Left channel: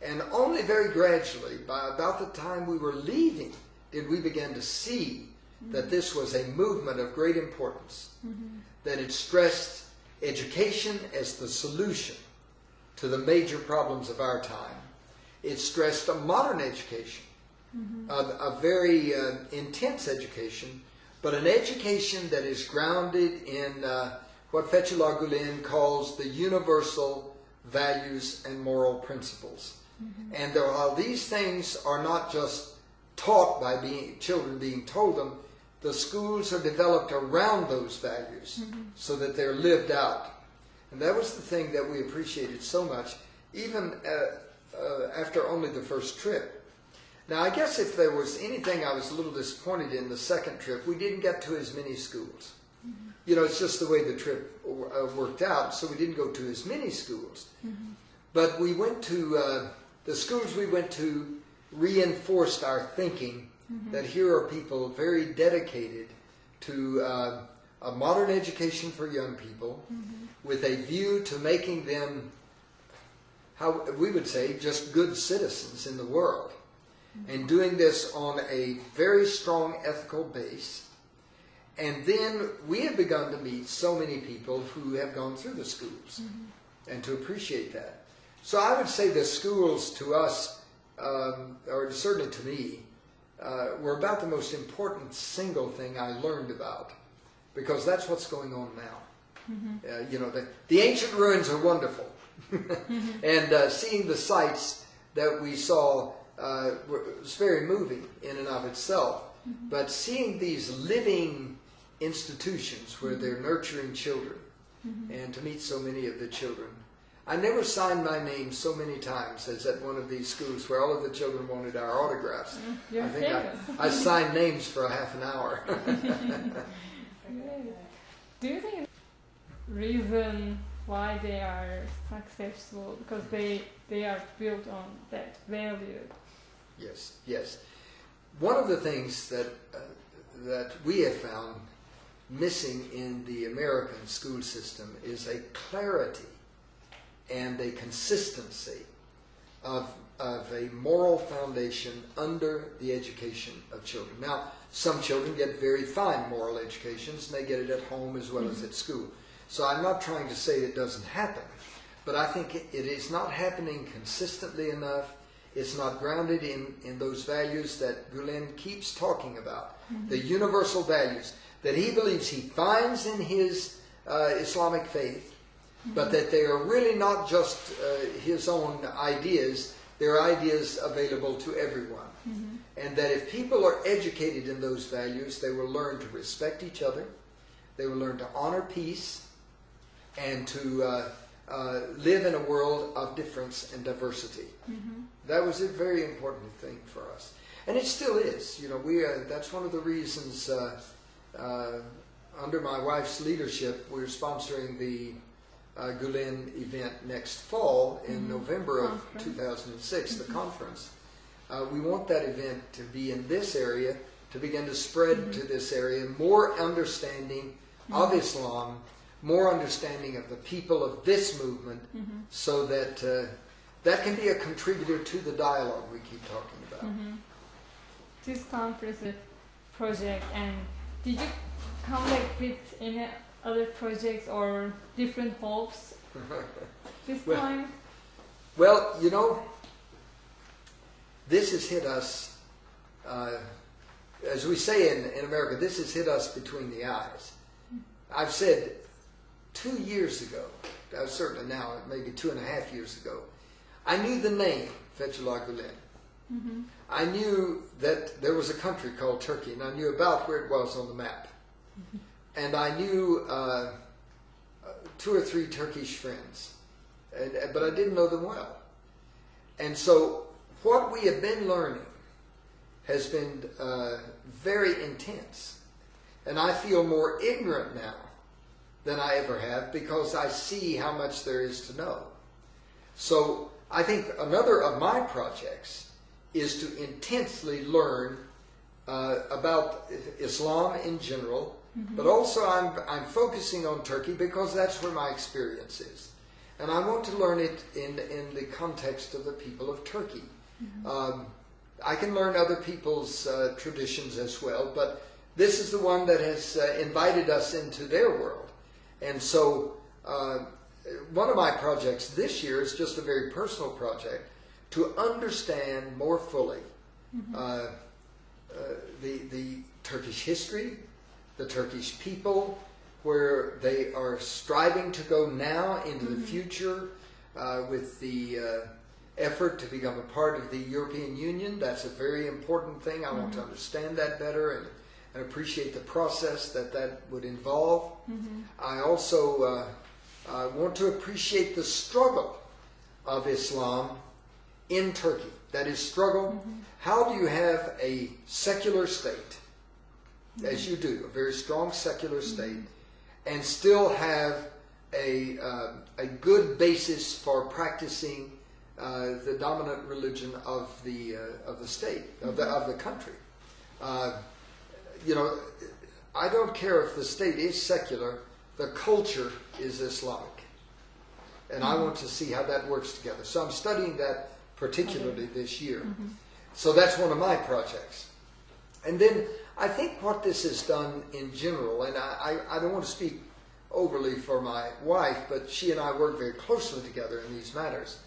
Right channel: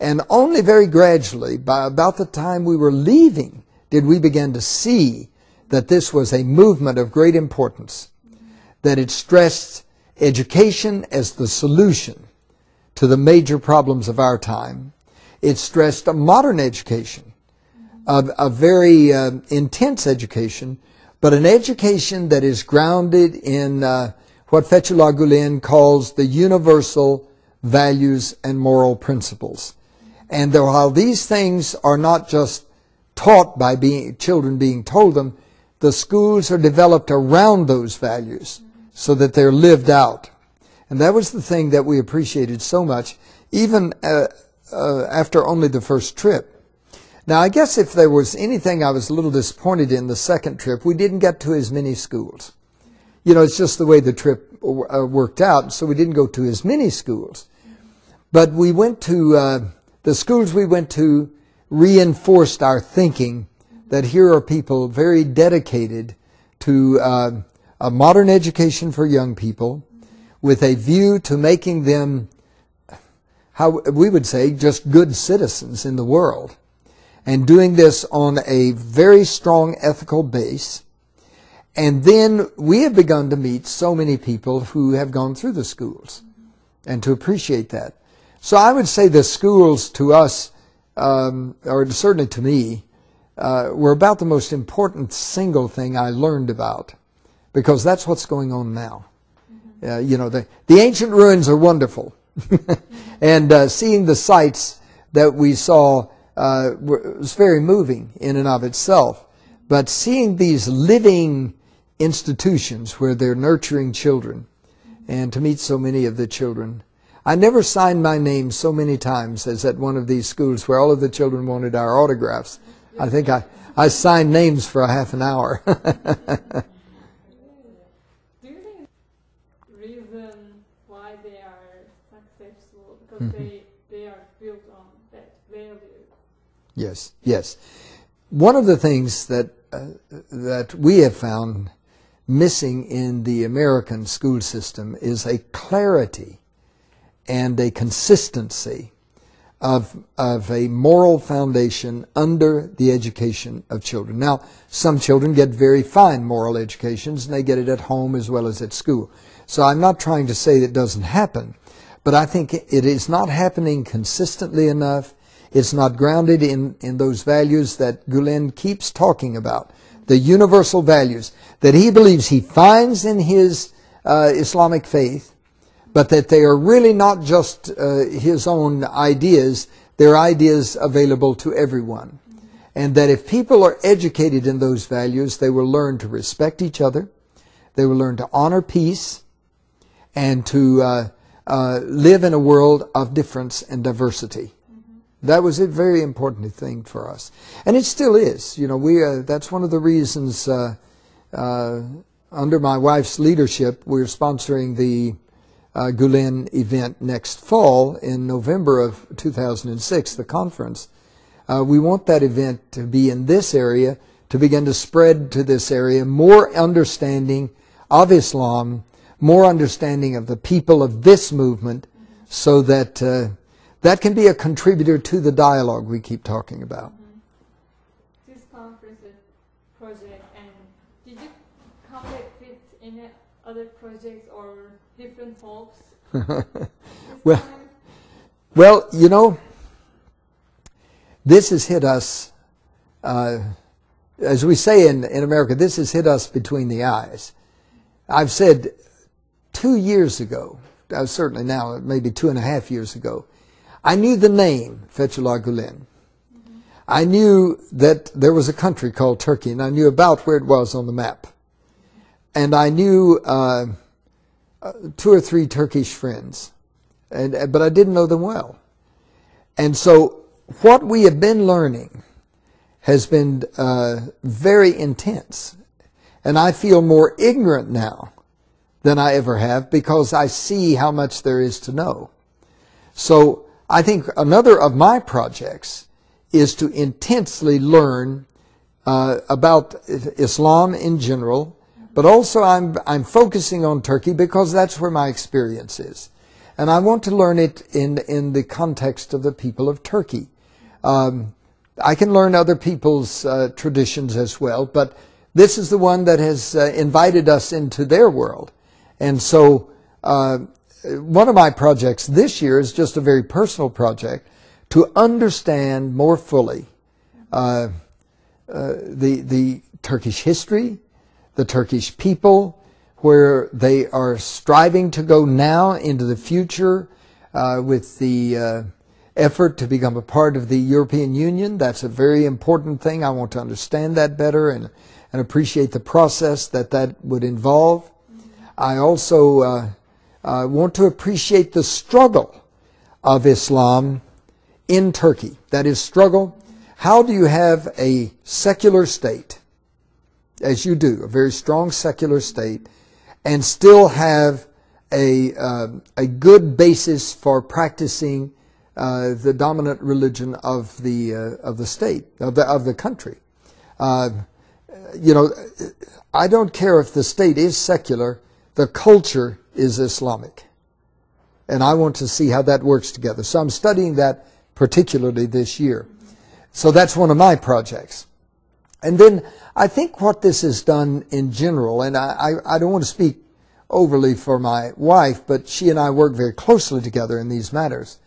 And only very gradually, by about the time we were leaving, did we begin to see that this was a movement of great importance, that it stressed education as the solution to the major problems of our time. It stressed a modern education, a very intense education, but an education that is grounded in what Fethullah Gulen calls the universal values and moral principles. And while these things are not just taught by children being told them, the schools are developed around those values so that they're lived out. And that was the thing that we appreciated so much, even after only the first trip. Now, I guess if there was anything I was a little disappointed in the second trip, we didn't get to as many schools. You know, it's just the way the trip worked out, so we didn't go to as many schools. But we went to, the schools we went to reinforced our thinking that here are people very dedicated to a modern education for young people with a view to making them, how we would say, just good citizens in the world. And doing this on a very strong ethical base. And then we have begun to meet so many people who have gone through the schools and to appreciate that. So I would say the schools to us, or certainly to me, were about the most important single thing I learned about, because that's what's going on now. You know, the ancient ruins are wonderful. And seeing the sites that we saw was very moving in and of itself. But seeing these living institutions where they're nurturing children, and to meet so many of the children. I never signed my name so many times as at one of these schools where all of the children wanted our autographs. I think I signed names for a half an hour. Do you think the reason why they are successful, because they are built on that value? Yes, yes. One of the things that that we have found missing in the American school system is a clarity and a consistency of a moral foundation under the education of children. Now, some children get very fine moral educations, and they get it at home as well as at school. So I'm not trying to say that it doesn't happen, but I think it is not happening consistently enough. It's not grounded in those values that Gulen keeps talking about, the universal values that he believes he finds in his Islamic faith, but that they are really not just his own ideas, they're ideas available to everyone. And that if people are educated in those values, they will learn to respect each other, they will learn to honor peace, and to live in a world of difference and diversity. That was a very important thing for us, and it still is. You know, that's one of the reasons. Under my wife's leadership, we're sponsoring the Gulen event next fall in November of 2006, the conference. We want that event to be in this area, to begin to spread to this area more understanding of Islam, more understanding of the people of this movement, so that that can be a contributor to the dialogue we keep talking about. This conference project, and did you come back with any other projects or different hopes this time? Well, you know, this has hit us, as we say in America, this has hit us between the eyes. I've said 2 years ago, certainly now, maybe 2.5 years ago, I knew the name Fethullah Gulen. I knew that there was a country called Turkey, and I knew about where it was on the map. And I knew 2 or 3 Turkish friends, but I didn't know them well. And so what we have been learning has been very intense. And I feel more ignorant now than I ever have, because I see how much there is to know. So I think another of my projects is to intensely learn about Islam in general, but also I'm focusing on Turkey because that's where my experience is. And I want to learn it in the context of the people of Turkey. I can learn other people's traditions as well, but this is the one that has invited us into their world. And so one of my projects this year is just a very personal project to understand more fully the Turkish history, the Turkish people, where they are striving to go now into the future with the effort to become a part of the European Union. That's a very important thing. I want to understand that better and appreciate the process that would involve. I also want to appreciate the struggle of Islam in Turkey. That is, struggle. How do you have a secular state, as you do, a very strong secular state, and still have a good basis for practicing the dominant religion of the state, of the country? You know, I don't care if the state is secular. The culture is Islamic, and I want to see how that works together. So I'm studying that particularly this year. So that's one of my projects. And then I think what this has done in general, and I don't want to speak overly for my wife, but she and I work very closely together in these matters.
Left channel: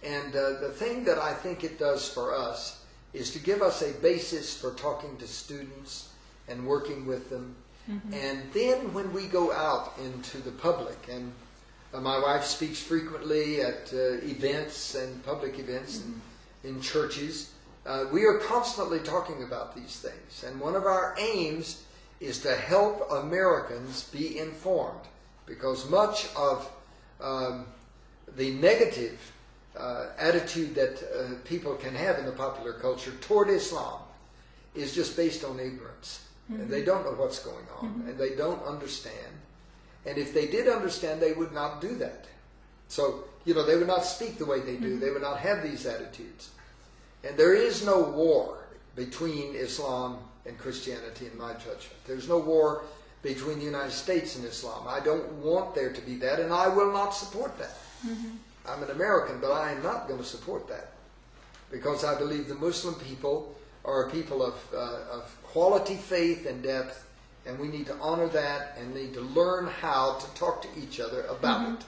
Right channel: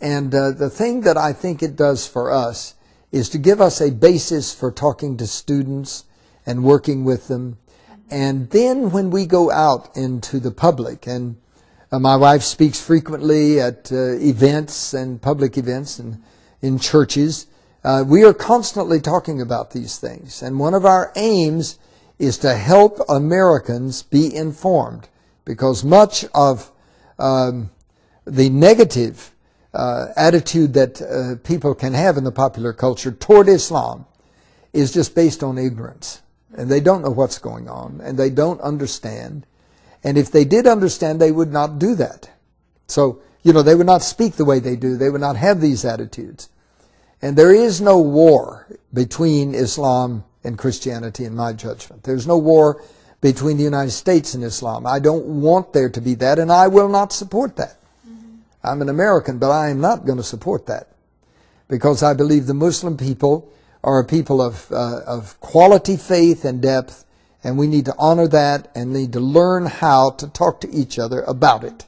And the thing that I think it does for us is to give us a basis for talking to students and working with them. And then when we go out into the public, and my wife speaks frequently at events and public events and in churches, we are constantly talking about these things. And one of our aims is to help Americans be informed, because much of the negative attitude that people can have in the popular culture toward Islam is just based on ignorance. And they don't know what's going on, and they don't understand. And if they did understand, they would not do that. So, you know, they would not speak the way they do. They would not have these attitudes. And there is no war between Islam and Christianity, in my judgment. There's no war between the United States and Islam. I don't want there to be that, and I will not support that. I'm an American, but I am not going to support that, because I believe the Muslim people are a people of quality faith and depth, and we need to honor that and need to learn how to talk to each other about it.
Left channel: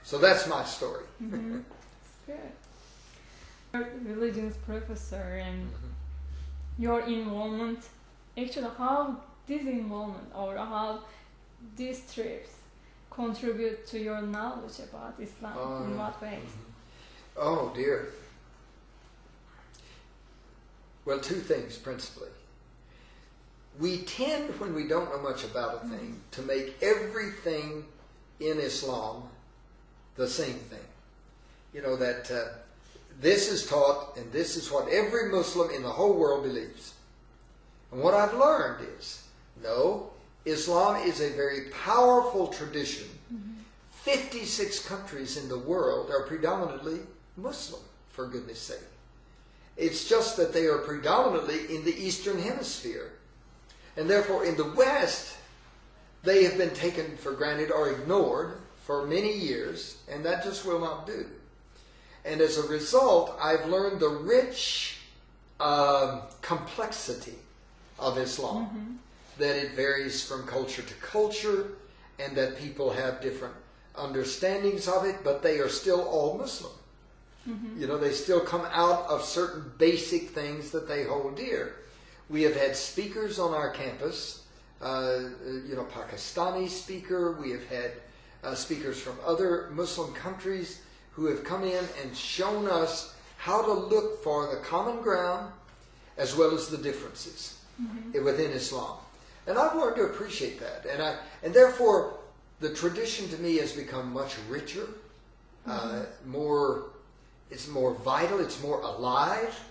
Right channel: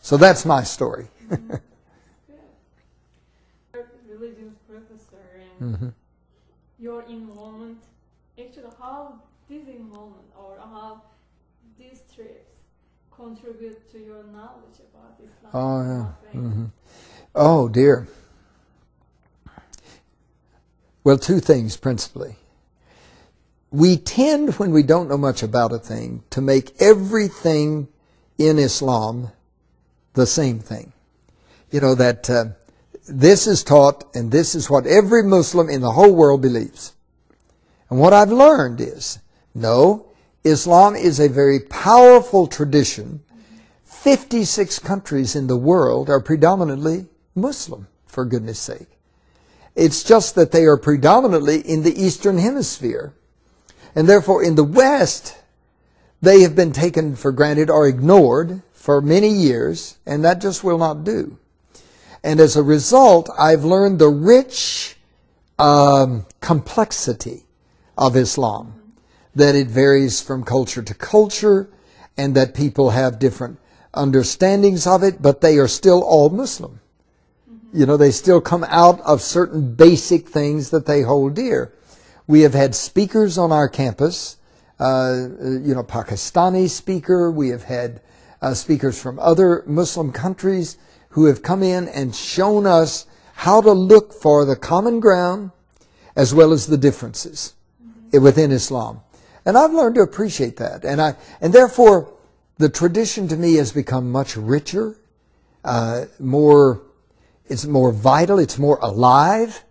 So that's my story. Good. Religions professor, and your involvement, actually how this involvement or how these trips contribute to your knowledge about Islam in what ways? Oh dear. Well, two things principally. We tend, when we don't know much about a thing, to make everything in Islam the same thing. You know, that this is taught and this is what every Muslim in the whole world believes. And what I've learned is, no, Islam is a very powerful tradition. 56 countries in the world are predominantly Muslim, for goodness sake. It's just that they are predominantly in the Eastern Hemisphere. And therefore, in the West, they have been taken for granted or ignored for many years, and that just will not do. And as a result, I've learned the rich complexity of Islam, that it varies from culture to culture, and that people have different understandings of it, but they are still all Muslim. You know, they still come out of certain basic things that they hold dear. We have had speakers on our campus, you know, Pakistani speaker. We have had speakers from other Muslim countries who have come in and shown us how to look for the common ground as well as the differences within Islam. And I've learned to appreciate that. And therefore, the tradition to me has become much richer, it's more vital, it's more alive.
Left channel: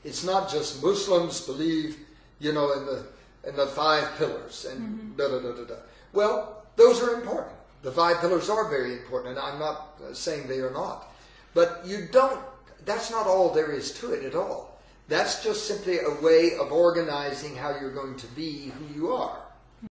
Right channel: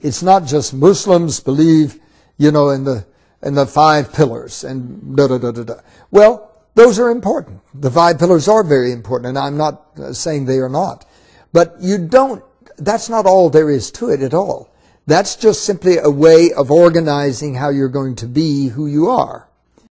It's not just Muslims believe, you know, in the 5 pillars and da-da-da-da-da. Well, those are important. The 5 pillars are very important, and I'm not saying they are not. But that's not all there is to it at all. That's just simply a way of organizing how you're going to be who you are.